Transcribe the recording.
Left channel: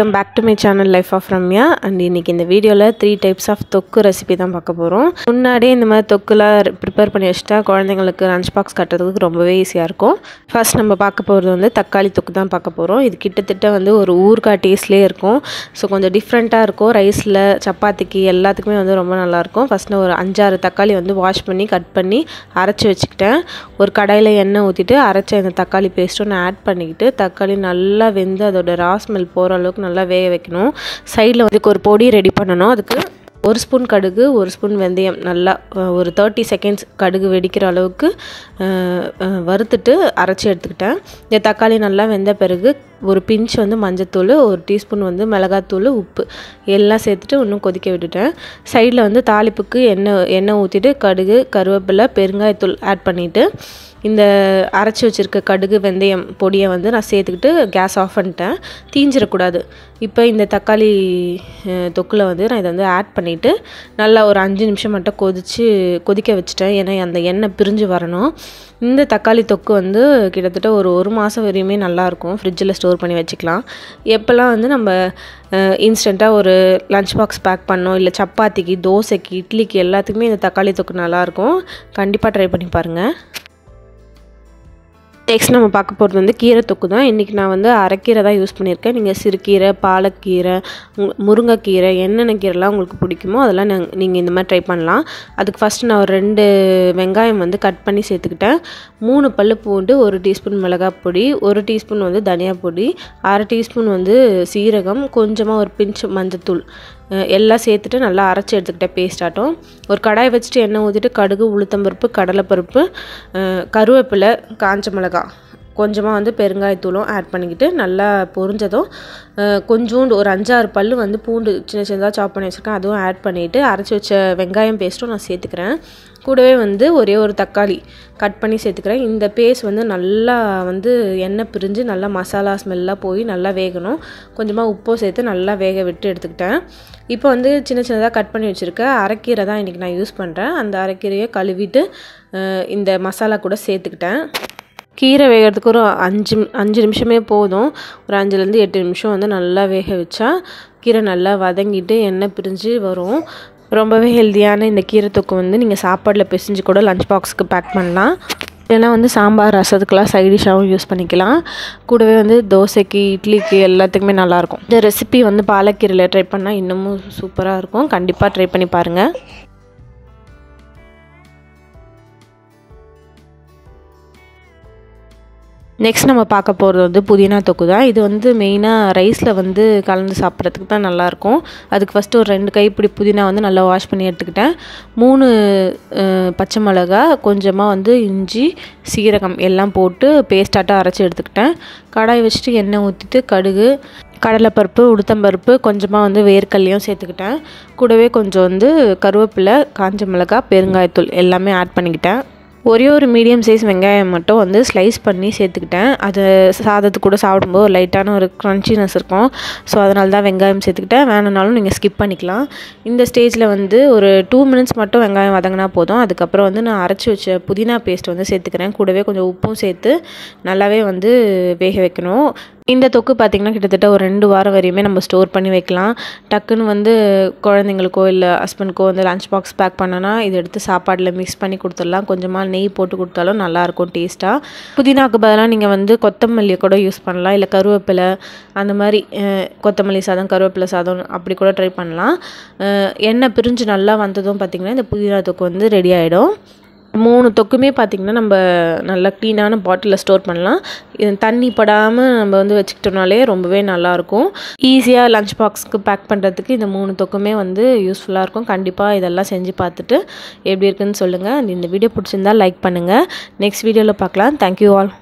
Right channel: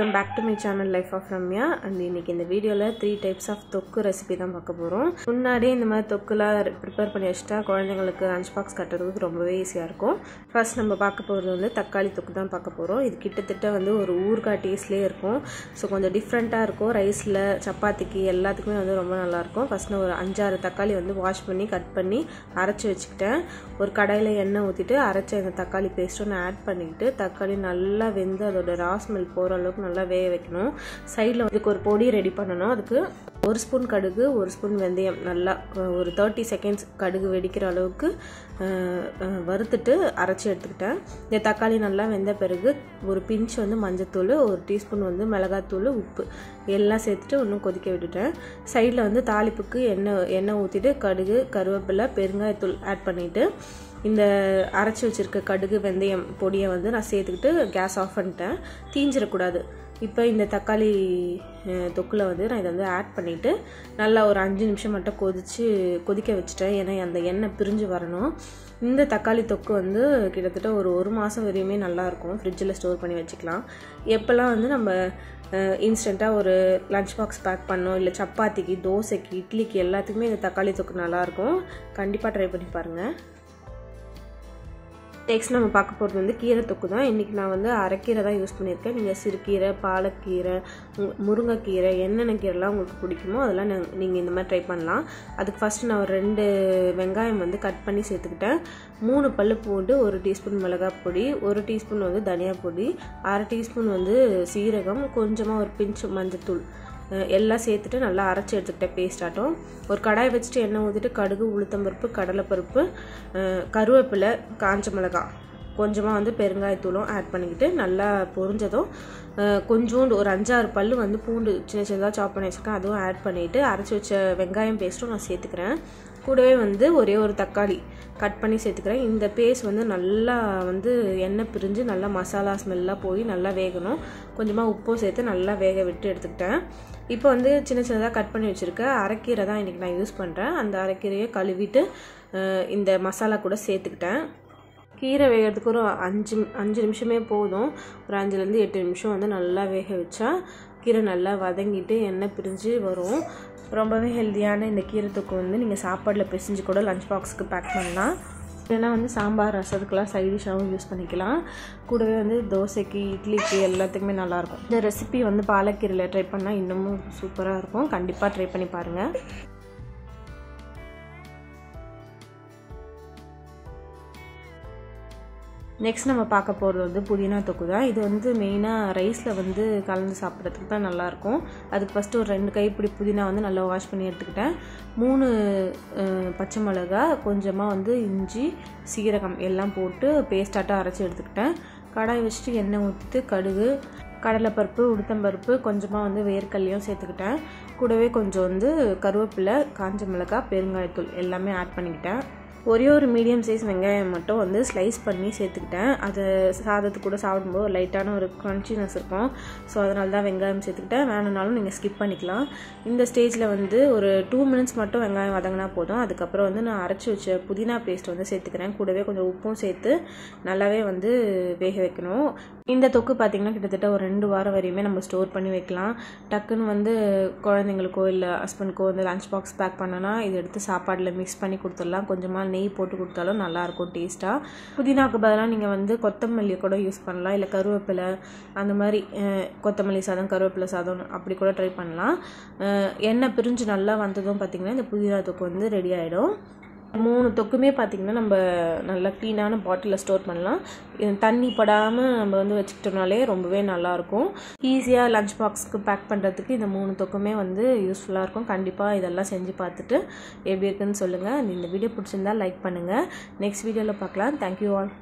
Welcome back to my channel life of Ramya. And இன்றைக்கி இந்த வீடியோவில் 3 டைப்ஸ் ஆஃப் தொக்கு ரெசிபி தான் பார்க்க போகிறோம். முன்னாடியே இந்த மாதிரி தொக்குலாம் ப்ரிப்பேர் பண்ணி வச்சுட்டா குழந்தைங்களுக்கு லஞ்ச் பாக்ஸ் கட்டுறதுக்கு ரொம்பவே ஈஸியாக இருக்கும். ஃபர்ஸ்ட் நம்ம பார்க்க போகிறது வந்து தக்காளி தொக்கு தான் பார்க்க போகிறோம். இது கிட்டத்தட்ட வந்து ஒரு ஊறுகாய் டேஸ்ட்லேயே இருக்கும். ஸோ கொஞ்சம் டிஃப்ரெண்ட்டாக இருக்கும். ரைஸில் சப்பாத்திக்கு எல்லாத்துக்குமே வந்து ரொம்ப நல்லாயிருக்கும். ஃபஸ்ட்டு ஒரு 5-6 தக்காளி வந்து வாஷ் பண்ணி கட் பண்ணி அரைச்சி வச்சுக்கிட்டேன். ஒரு கடாயில் எண்ணெய் ஊற்றிட்டு அரைச்ச இந்த தக்காளி பேஸ்ட்டும் நான் ஆட் பண்ணிக்கிட்டு தக்காளி நல்லா வெந்து அதோட ஸ்மெல் போகிற அளவுக்கு நல்லா வேக வைக்கணும். சைடில் வந்து ஒரு பொடி ரெடி பண்ணணும். அதுக்கு 1 ஸ்பூன் கடுகு, 1 ஸ்பூன் வெந்தயம் நல்லா ஒரு 30 செகண்ட்ஸ் கடுகு வெடிக்கிற அளவுக்கு வறுத்துட்டு அரைச்சி எடுத்துக்கிட்டேன். இந்த தக்காளி நல்லா வெந்த பிறகு ஒரு பிஞ்ச் வந்து மஞ்சத்தூள், 1 டீஸ்பூன் வந்து மிளகாத்தூள், உப்பு எல்லாம் சேர்த்துட்டு இன்னும் கொதிக்க விட்டுட்டேன். சைடில் வந்து தாளிப்புக்கு எண்ணெய் ஊற்றிட்டு கடுகு, கருவேப்பிலை, பெருங்காயத்தூள் ஆட் பண்ணிவிட்டு இந்த அரைச்சி வச்சுருக்க கடுகு வெந்தயம் பொடியை வந்து நான் சேர்த்துக்கிட்டு கேஸ் ஆஃப் பண்ணிட்டேன். தீஞ்சிடக்கூடாது. இப்போ இந்த தக்காளி தொக்கில் வந்து நான் இதை வந்து ஆட் பண்ணிவிட்டு நல்லா ஒரு 5 நிமிஷம் மட்டும் கொதிக்க வச்சுட்டேன். ஏன்னா அந்த எண்ணெய் பிரிஞ்சு வரணும். இந்த தக்காளி தொக்கு வந்து கிட்டத்தட்ட ஒரு மாதம் வரையுமே நல்லாயிருக்கும். ஃப்ரிட்ஜில் ஸ்டோர் பண்ணி வச்சுக்கலாம். எப்போல்லாம் வந்து நம்ம இன்ஸ்டண்ட்டாக ஒரு லஞ்ச் பாக்ஸ் பேக் பண்ணோம், இல்லை சப்பாத்திக்கு, தோசைக்கு, இட்லிக்கு எல்லாத்துக்குமே இந்த தக்காளி தொக்கு நல்லாயிருக்கும். கண்டிப்பாக ட்ரை பண்ணி பாருங்கள். நெக்ஸ்ட் நம்ம பார்க்க போகிறது வந்து கீரை தொக்கு தான். இன்றைக்கி நான் வந்து அரைக்கீரை தான் யூஸ் பண்ணியிருக்கேன். நீங்கள் சிறுகீரை, பாலக்கீரை, முருங்கைக்கீரை, என்னென்ன கீரைலாம் உங்களுக்கு பிடிக்குமோ அதெல்லாம் நீங்கள் இந்த மாதிரி ட்ரை பண்ணலாம். அதுக்கு ஃபஸ்ட்டு நான் ஒரு 2 வெங்காயம் வந்து கட் பண்ணி சேர்த்துக்கிட்டேன். 3 பல்லு பூண்டு, 1 டீஸ்பூன் மிளகாய் பொடி, 1 டீஸ்பூன் வந்து தனியா பொடி, 1/2 டீஸ்பூன் வந்து சீரகம், கொஞ்சமாக ஒரு பிஞ்ச் மஞ்சத்தூள் எல்லாம் சேர்த்துட்டு நல்லா அரைச்சி எடுத்துக்கிட்டேன் பேஸ்ட் ஆட்டும். ஒரு கடாய் வச்சுட்டு எண்ணெய் ஊற்றிட்டு கடுகு, உளுத்தம்பருப்பு, கடலைப்பருப்பு, கருவேப்பிலை, காஞ்ச மிளகாய், கொஞ்சமாக வந்து பெருங்காயத்தூளும் ஆட் பண்ணிக்கிட்டு நல்லா பொரிஞ்சதும் கொஞ்சோண்டு ஒரு 5-6 பல்லு வந்து பூண்டு சின்னதாக சாப் பண்ணி வச்சுருக்கேன். அதுவும் ஆட் பண்ணிவிட்டு அரைச்சி வச்ச வெங்காயம் பேஸ்ட்டும் நான் சேர்த்துக்கிறேன். கூடவே வந்து ஒரே ஒரு தக்காளி கட் பண்ணி சேர்த்துக்கிறேன். இந்த பேஸ்ட் வந்து நல்லா வந்து எண்ணெய் பிரிஞ்சு நல்லா மசாலா ஸ்மெல்லாக போய் நல்லா வேகணும். கொஞ்சமாக உப்பும் சேர்த்து நல்லா வேக விட்டு எடுத்துக்கிட்டேன். இப்போ வந்து சின்னதாக கட் பண்ணி வச்சுருக்கேன் அரைக்கீரை தான் இன்றைக்கி நான் யூஸ் பண்ணுறேன். அந்த அரைக்கீரையை கழுவிட்டு இந்த மசாலா கூட சேர்த்துக்கிட்டேன். கீரை வேகிறதுக்கு ஒரு 5 நிமிஷமே போதும். ஒரு 5லேருந்து 8 நிமிஷம் வந்து நல்லா வேக வச்சா கீரை நல்லா வதங்கிட்டு எண்ணெய் பிரிஞ்சு வரும். ரொம்பவே ஹெல்த்தியான இந்த கீரை தொக்கு வந்து நீங்கள் சாப்பாடில் பிசைஞ்சு கூட லஞ்ச் பாக்ஸுக்கு பேக் பண்ணலாம். இல்லைனா வந்து சாம்பார், ரசத்துக்கெலாம் சைடிஷாகவும் யூஸ் பண்ணிக்கலாம். கூடவே வந்து தோசைக்கு, இட்லிக்கு எல்லாத்துக்குமே நல்லாயிருக்கும். இந்த ரெசிபி வந்து பாலக்கீரையில் ட்ரை பண்ணால் இன்னமும் சூப்பராக இருக்கும். கண்டிப்பாக ட்ரை பண்ணி பாருங்கள். நெக்ஸ்ட் நம்ம பார்க்க போகிறது வந்து புதினா தொக்கு தான். இது வந்து மெயினாக ரைஸில் வந்து கலந்து சாப்பிட்றதுக்கு தான் நல்லாயிருக்கும். அதுக்கு ஃபஸ்ட்டு ஒரு 2 கைப்பிடி புதினா வந்து நல்லா வாஷ் பண்ணி எடுத்துக்கிட்டேன். 3 பச்சை மிளகா, கொஞ்சமாக வந்து இஞ்சி, சீரகம் எல்லாம் போட்டு பேஸ்டாட்டாக அரைச்சி எடுத்துக்கிட்டேன். கடாய் வச்சுட்டு எண்ணெய் ஊற்றிட்டு கடுகு, கடலைப்பருப்பு, உளுத்தம்பருப்பு, கொஞ்சமாக வந்து வேர்க்கல்லையும் சேர்த்துக்கிட்டேன். கூடவே கொஞ்சம் வந்து கருவேப்பிலை, காஞ்ச மிளகாய், பெருங்காயத்தூள் எல்லாமே ஆட் பண்ணிக்கிட்டேன். ஒரே ஒரு மீடியம் சைஸ் வெங்காயம் மட்டும் வந்து ஸ்லைஸ் பண்ணி சேர்த்துக்கிட்டேன். அது சாதத்துக்கு கூட சாப்பிடும்போது ஒரு லைட்டான ஒரு க்ரன்ச்சினஸ் இருக்கும். ஸோ அதனால தான் வெங்காயம் சேர்த்துக்கிட்டேன். வேணும்னாலும் நீங்கள் ஸ்கிப் பண்ணிக்கலாம். இந்த ஸ்டேஜில் வந்து ஒரு 2 மினிட்ஸ் மட்டும் வெங்காயம் வதங்கினா போதும். அதுக்கப்புறம் வந்து நான் அரைச்சி வச்ச புதினா பேஸ்ட் வந்து சேர்த்துக்கிறேன். கூடவே கொஞ்சம் உப்பும் சேர்த்து நல்லாவே வந்து வேக வைக்கணும். இந்த தொக்கு பார்த்திங்கன்னா கிட்டத்தட்ட ஒரு 2 வாரம் வரையுமே நம்ம ஸ்டோர் பண்ணி வைக்கலாம். டக்குன்னு வந்து குழந்தைங்களுக்கோ இல்லை ஹஸ்பண்ட்க்கோ வந்து லஞ்ச் பாக்ஸ் பேக் பண்ணோன்னா இதை எடுத்து சாப்பாடில் மிக்ஸ் பண்ணி கொடுத்துடலாம். கொஞ்சமாக நெய் போட்டு கொடுத்தாலும் நல்லாயிருக்கும் டேஸ்ட்டாக. புதினாக்கு பதிலாக நீங்கள் வந்து கொத்தமல்லியை கூட யூஸ் பண்ணலாம். இல்லை கருவேப்பிலை, அந்த மாதிரி கொத்தமல்லி சாதம், கருவேப்பிலை சாதம் அப்படி கூட ட்ரை பண்ணலாம். எண்ணெய் பிரிஞ்சு நல்லா வந்ததும் பார்த்திங்கன்னா இந்த புதினா தொக்கு வந்து ரெடி ஆகிடும். 3 தொக்குமே பார்த்திங்கன்னா நம்ம நல்லா க்ளீனான பாட்டிலில் ஸ்டோர் பண்ணலாம். தண்ணி படாமல் நம்ம வந்து வச்சுக்கிட்டோம்னாலே ரொம்பவே நல்லாயிருக்கும். ஈஸியாக லஞ்ச் பாக்ஸ்க்கு பேக் பண்ணுறதுக்கு இந்த 3 தொக்குமே வந்து யூஸ்ஃபுல்லாக இருக்கும். கண்டிப்பாக இதெல்லாம் செஞ்சு பார்த்துட்டு எப்படி இருக்குன்னு சொல்லுங்கள். இந்த வீடியோ பிடிச்சிருந்தால் லைக் பண்ணுங்கள். நெக்ஸ்ட் வீடியோவில் பார்க்கலாம். Thank you all.